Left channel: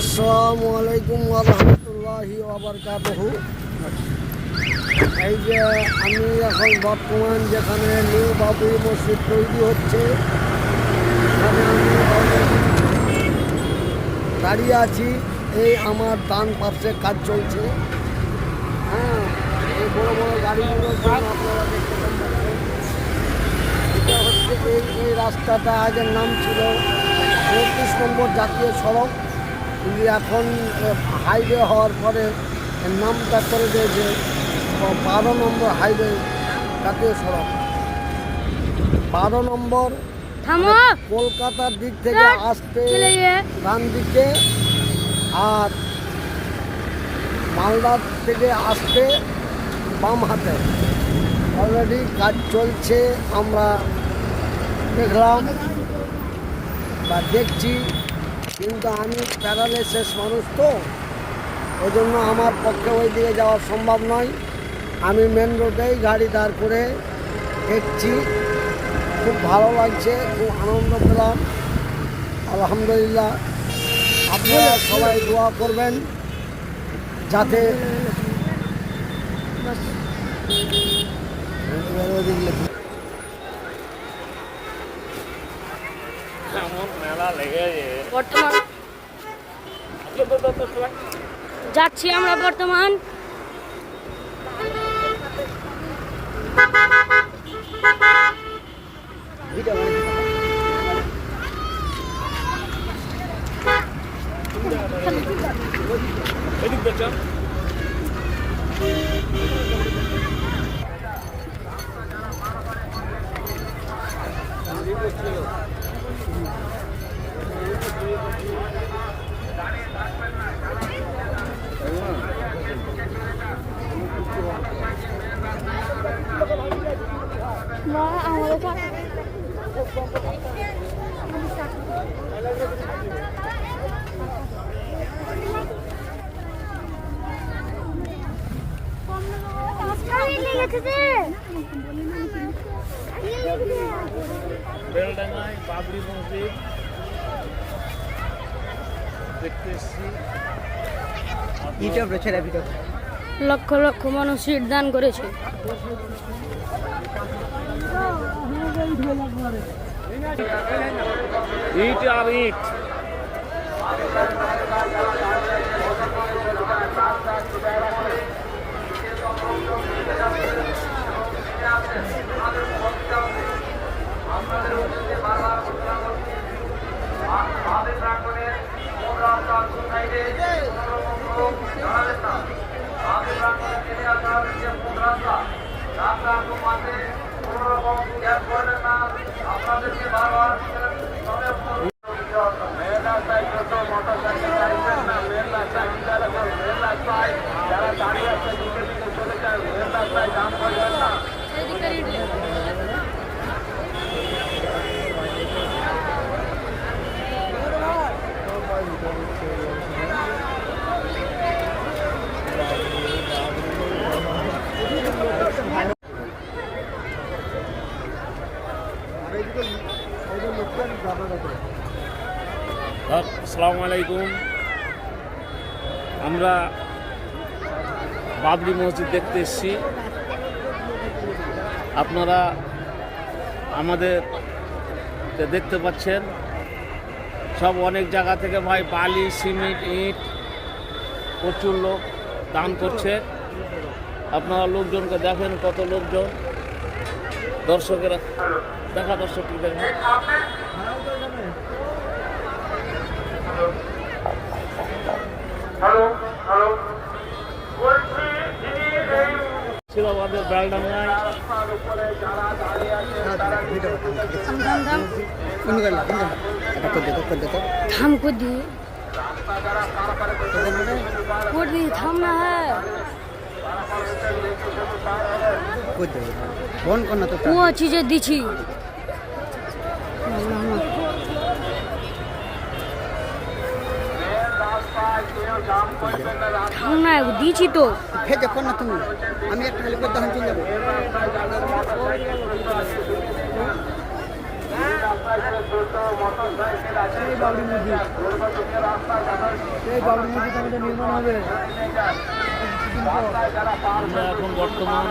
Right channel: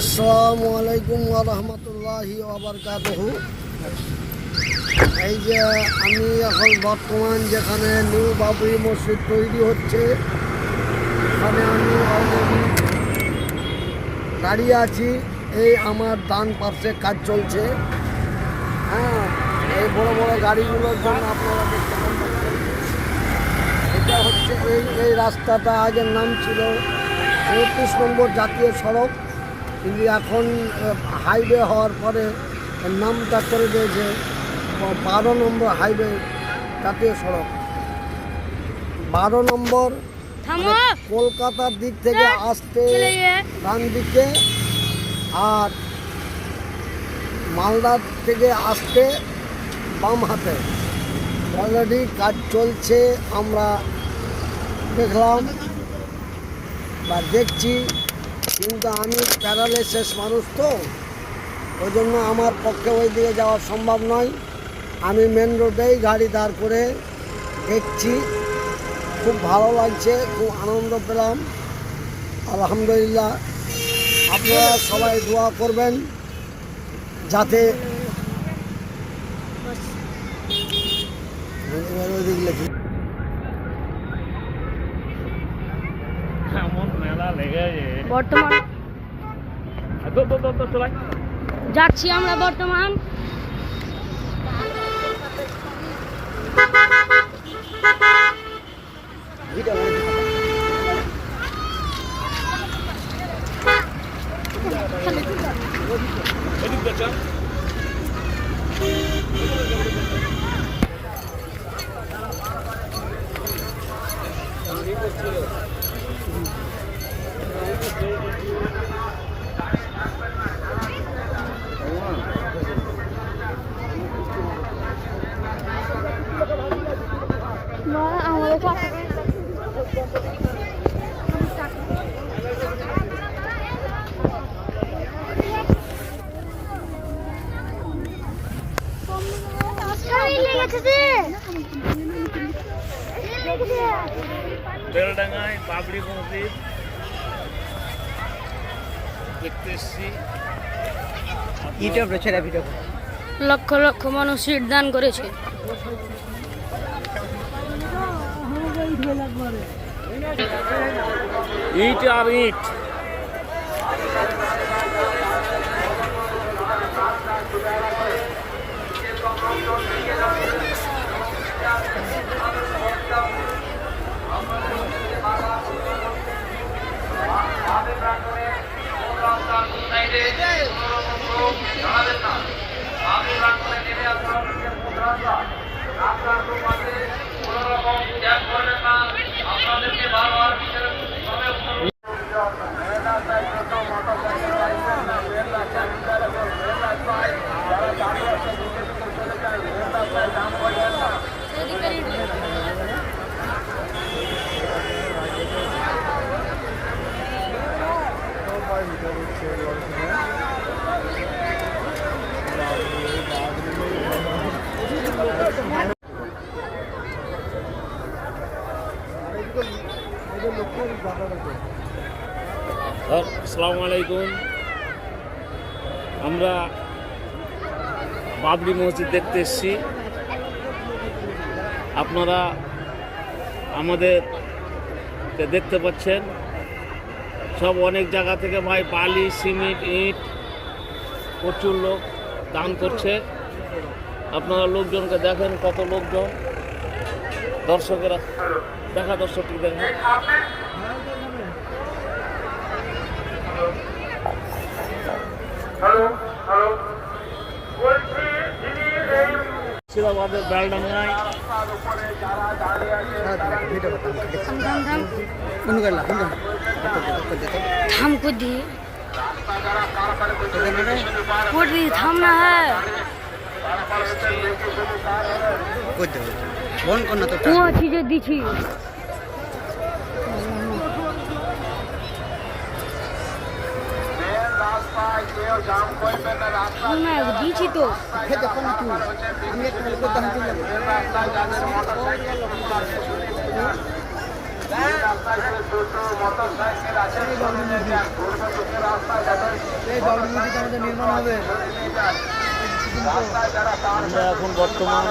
আসসালামু আলাইকুম ওয়া রাহমাতুল্লাহি ওয়া বারাকাতুহু। এই যে আমি এখন বর্তমান যেখানে নিউ বাবরি মসজিদ তৈরি হচ্ছে, এখানে আমি অলরেডি দাঁড়িয়ে আছি। এই আমার ডান পাশে কাজ চলছে। হ্যাঁ, এই বড় বড় গাড়িগুলোর জন্য আপনারা দেখতে পাচ্ছেন। এটা হচ্ছে এই রাস্তাটা আগের নাম ছিল ৩৫ নম্বর জাতীয় সড়ক, কিন্তু এখন হাইওয়ে হওয়ার পরে এর নামটা করে দিয়েছে ১২ নম্বর হাইওয়ে জাতীয় সড়ক। ১২ নম্বর কলকাতার দিক থেকে আসতে ডান দিকে, আর মালদার থেকে আসতে বাম হাতে। অলরেডি কাজ চলছে, আমরা দেখলাম বা দেখছি, কিন্তু আমি প্যারালাইসিস মানুষ, তো ওই জন্য আমার পক্ষে ওই দিকে যাওয়া সম্ভব নয়। আমি মেন রোডেই গাড়ি দাঁড় করে দেখছি। খুব ভালো লাগছে, খুব আনন্দ পেলাম, আলহামদুলিল্লাহ। আপনারা সবাই দোয়া করবেন যাতে বর্তমান যাচ্ছি আমরা বর্তমান বেলডাঙ্গায় বাবরি মসজিদ দেখতে এসেছি। লক্ষ লক্ষ মানুষ সিট দান করেছে। ইট আর ইট। আপনাদেরকে বারবার আসসালামু আলাইকুম। আমরা বাবরি মসজিদ দেখতে এসেছি। আপনারা আমাদের দেখতে পাচ্ছেন, সব অনেক জায়গা থেকে ভাই বালি, সিমেন্ট, ইট প্রচুর লোক দান করছে। আপনারা লোকজনকে দেখেন, কত লোকজন, দর্শকেরা দেখা, দর্শকটি দেখেন। আমাদের বেলডাঙ্গায় থাম को दिए থাম না है কোন চीजें দিছি না দিছি তো দেখো না তুমি। আমি একটা দোকান চলে যাবো। এই বাবরি মসজিদ আমাদের নির্মাণ হবে। আমরা এখন বর্তমান